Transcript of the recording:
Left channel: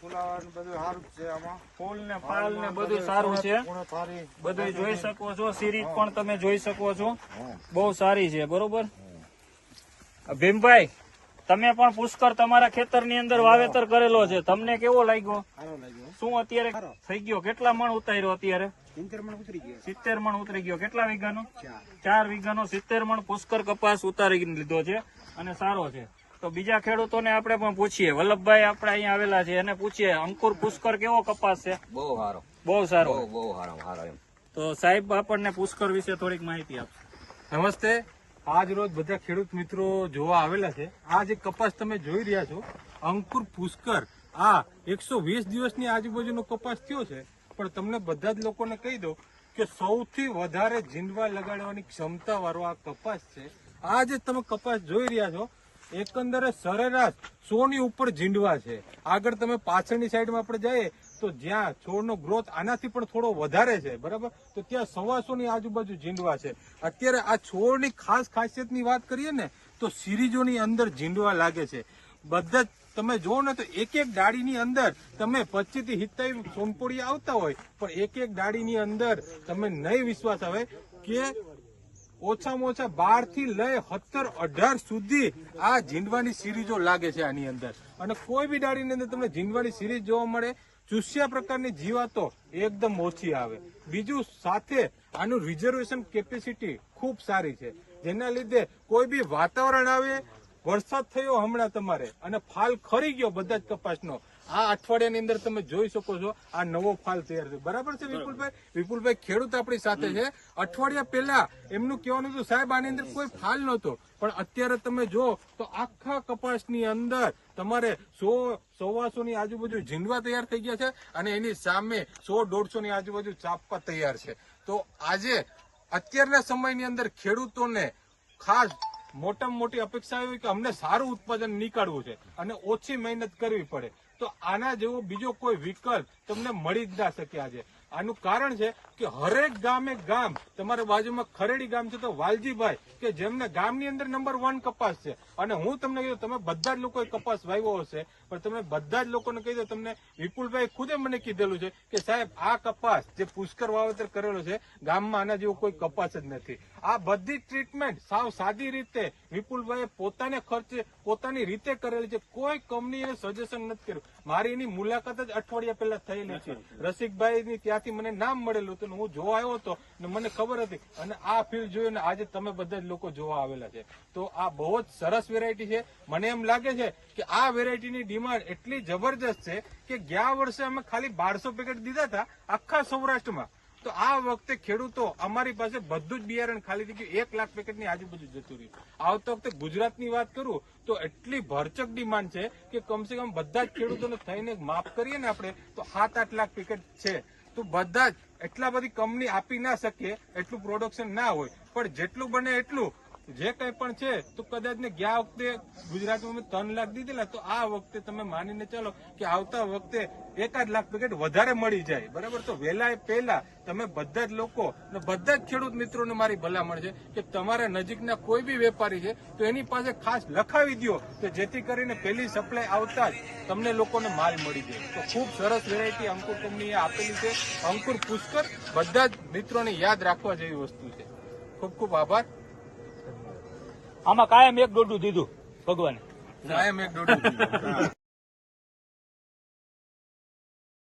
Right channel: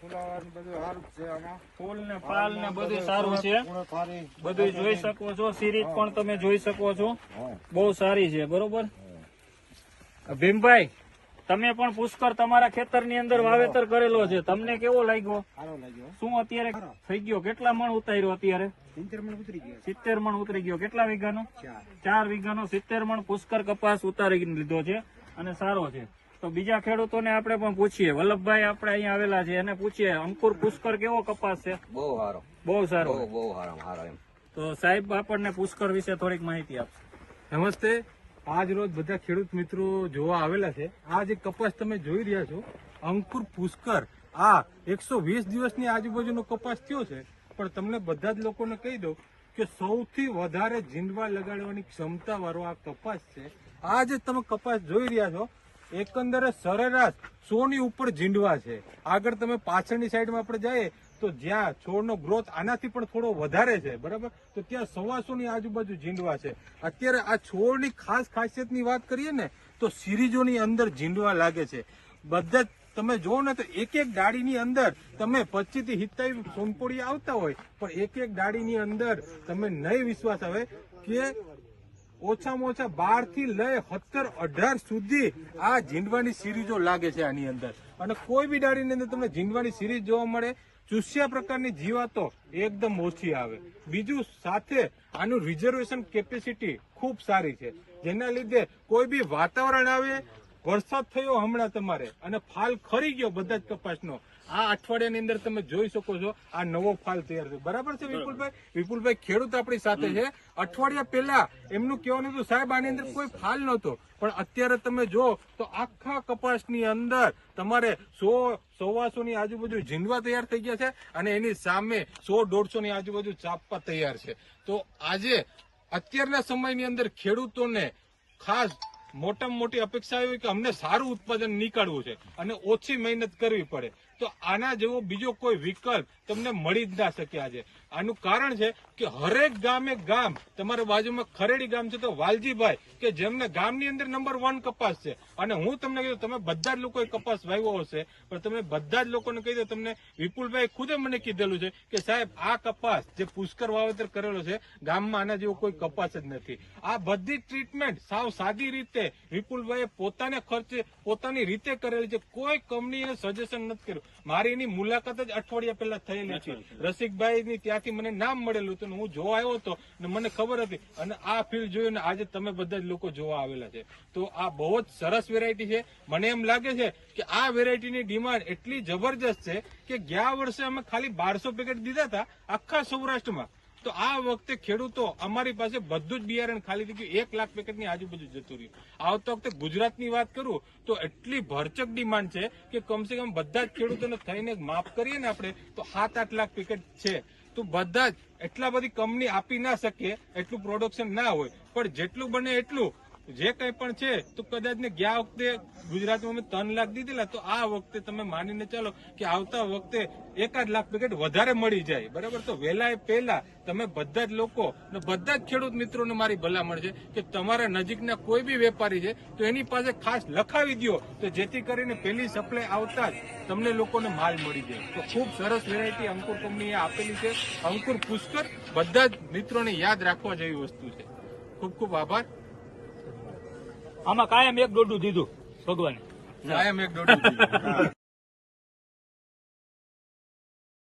ફુલાવર બધું સારું જ છે આમાં. ફૂલ ને પાલ ને બધું સારું છે. બધું જોઈ શકો છો. સિરીજ પણ તમે જોઈ શકો છો, બહુ સારી છે. બરોબર ભીમભાઈ, તમે પણ પુષ્કર તમારા ખેતરની અંદર વાવેતર કરેલો છે, તમને કેવો લાગ્યો? સારો લાગ્યો. શું અત્યારે થઈ ગયો? કેટલા મણ ઉતાર્યો અત્યારે? 70 મણ ઉતરી ગયો. 70 મણ ઉતરી ગયો. કેટલા વીઘાનો? 4. 4 વીઘાનો 70 મણ પુષ્કર કપાસ ઉતારી લીધો છે અને સારો છે. તો બીજા ખેડૂતોને આપણે પણ પૂછીએ. વલ્લભભાઈ આપણે અહીંયા આવેલા છે, એને પૂછીએ અંકુર પુષ્કર કેવો કપાસ છે? બહુ સારો, બહુ સારો. બહુ સારો એમ. તો સાહેબ આપણને પુષ્કર વિશે થોડીક માહિતી આપશે. નમસ્તે. આજ રોજ બધા ખેડૂત મિત્રો જોવા આવેલા છે. આ જે કપાસ તમે જોઈ રહ્યા છો, અંકુર પુષ્કર, આ 120 દિવસની આજુબાજુનો કપાસ થયો છે. પણ તમને બધા જ લોકોને કહી દઉં કે સૌથી વધારે જીંડવા લગાડવાની ક્ષમતા વાળો આ કપાસ છે. આ જે તમે કપાસ જોઈ રહ્યા છો, એકંદરે સરેરાશ 100 ની ઉપર જીંડવા છે. આગળ તમે પાછળની સાઈડમાં આપણે જઈએ તો જ્યાં છોડનો ગ્રોથ આનાથી પણ થોડો વધારે છે, બરાબર, તો ત્યાં 125 ની આજુબાજુ જીંડવા છે. અત્યારે આ છોડની ખાસ ખાસિયતની વાત કરીએ ને તો સિરીજોની અંદર જીંડવા લાગે છે. બધા જ તમે જુઓ ને તો એક એક ડાળીની અંદર તમે 25 થી 27 સોનપોડી આવતા હોય, પણ એક એક ડાળીની અંદર તમે નહીં વિશ્વાસ આવે કે ઓછામાં ઓછા 12 થી લઈ 17, 18 સુધી આ જીંડવાની સિરીજો લાગે છે આની અંદર. અને કોઈ બી ડાળીની અંદર તમને જીંડવાની સિરીજ જોવા મળે. ચૂસ્યા પ્રકારની જીવાતો એકદમ ઓછી આવે. બીજું સાથે આનું રિઝર્વેશન કેપેસિટી ખૂબ સારી છે, જેના લીધે કોઈ બી વાતાવરણ આવે, વરસાદ થયો હમણાં તમારે અને ફાલ ખરી ગયો બધા જ કપાસનો, આ અઠવાડિયાની અંદર તમે જોઈ શકો છો આ નવો ફાલ તૈયાર થયો. બરાબર છે વિપુલભાઈ? વિપુલભાઈ ખેડૂત આપણી સાથે છે. અઠવાડિયા પહેલા એમનું કહેવાનું હતું સાહેબ આની અંદર કોઈ ફાલ નહોતો, પણ અત્યારે તમે જો તો આખા કપાસની અંદર તમારે 100-125 ની આજુબાજુ જીંડવા તૈયાર થઈ ગયા છે અને એની સામે 100-150 ની આજુબાજુ ચાપવા તૈયાર છે. તો આજે અત્યારના સમયની અંદર ખેડૂતોને ખાસ મોટામાં મોટી અપેક્ષા એવી કે અમને સારું ઉત્પાદન નીકાળવું છે અને ઓછી મહેનત કરવી પડે. તો આના જેવો બીજો કોઈ વિકલ્પ તમને મળી જ ના શકે આજે. આનું કારણ છે કે હરેક ગામે ગામ, તમારી બાજુમાં ખરેડી ગામ છે તો વાલજીભાઈ કે જેમને ગામની અંદર નંબર 1 કપાસ છે. અને હું તમને કહ્યું તમે બધા જ લોકોએ કપાસ વાવ્યો હશે, પણ તમે બધા જ લોકોને કહી દો, તમને વિપુલભાઈ ખુદે મને કીધેલું છે કે સાહેબ આ કપાસ જે પુષ્કર વાવેતર કરેલો છે ગામમાં આના જેવો કોઈ કપાસ જ નથી. આ બધી ટ્રીટમેન્ટ સાવ સાદી રીતે વિપુલભાઈએ પોતાને ખર્ચે પોતાની રીતે કરેલી છે. કોઈ કંપનીએ સજેશન નથી કર્યું. મારી એની મુલાકાત જ અઠવાડિયા પહેલા થયેલી હતી. રસિકભાઈની ત્યાંથી મને નામ મળેલું હતું, હું જોવા આવ્યો હતો ને મને ખબર હતી. અને આ ફિલ્ડ જોયું ને આજે તમે બધા જ લોકો જોવા આવેલા છે. તો આ બહુ જ સરસ વેરાયટી છે. મને એમ લાગે છે કે આ વેરાયટીની ડિમાન્ડ એટલી જબરજસ્ત છે કે ગયા વર્ષે અમે ખાલી 1200 પેકેટ દીધા હતા આખા સૌરાષ્ટ્રમાં. તો આ વખતે ખેડૂતો અમારી પાસે બધું જ બિયારણ ખાલી થઈ ગયું, 1 લાખ પેકેટની આજુબાજુ જતું રહ્યું. આવતા વખતે ગુજરાતની વાત કરું તો એટલી ભરચક ડિમાન્ડ છે કે કમસે કમ બધા જ ખેડૂતોને થઈને માફ કરીએ ને આપણે તો 7-8 લાખ પેકેટ છે. તો બધા જ એટલા બધી કંપની આપી ના શકે, એટલું પ્રોડક્શન ના હોય, પણ જેટલું બને એટલું જે કંઈ પણ છે તો કદાચ ને ગયા વખતે ગુજરાતમાં 3 લાખ દીધેલા, તો આ વખતે તમે માનીને ચાલો કે આવતા વખતે 1-8 લાખ પેકેટ વધારે મળી જાય. બરાબર? તો વહેલા પહેલા તમે બધા જ લોકો ને બધા જ ખેડૂત મિત્રોને મારી ભલામણ છે કે તમારા નજીકના કોઈ બી વેપારી છે તો એની પાસે ખાસ લખાવી દો, તો જેથી કરીને પહેલી સપ્લાય આવતા જ તમને લોકોને માલ મળી જાય. તો ખૂબ સરસ વેરાયટી અંકુર કંપનીએ આપેલી છે. અંકુર પુષ્કર બધા જ મિત્રોને યાદ રાખવા જેવી વસ્તુ છે. ખૂબ ખૂબ આભાર. આમાં કાયમ 1 દોડું દીધું ભગવાન, કાયમ 1 દોઢ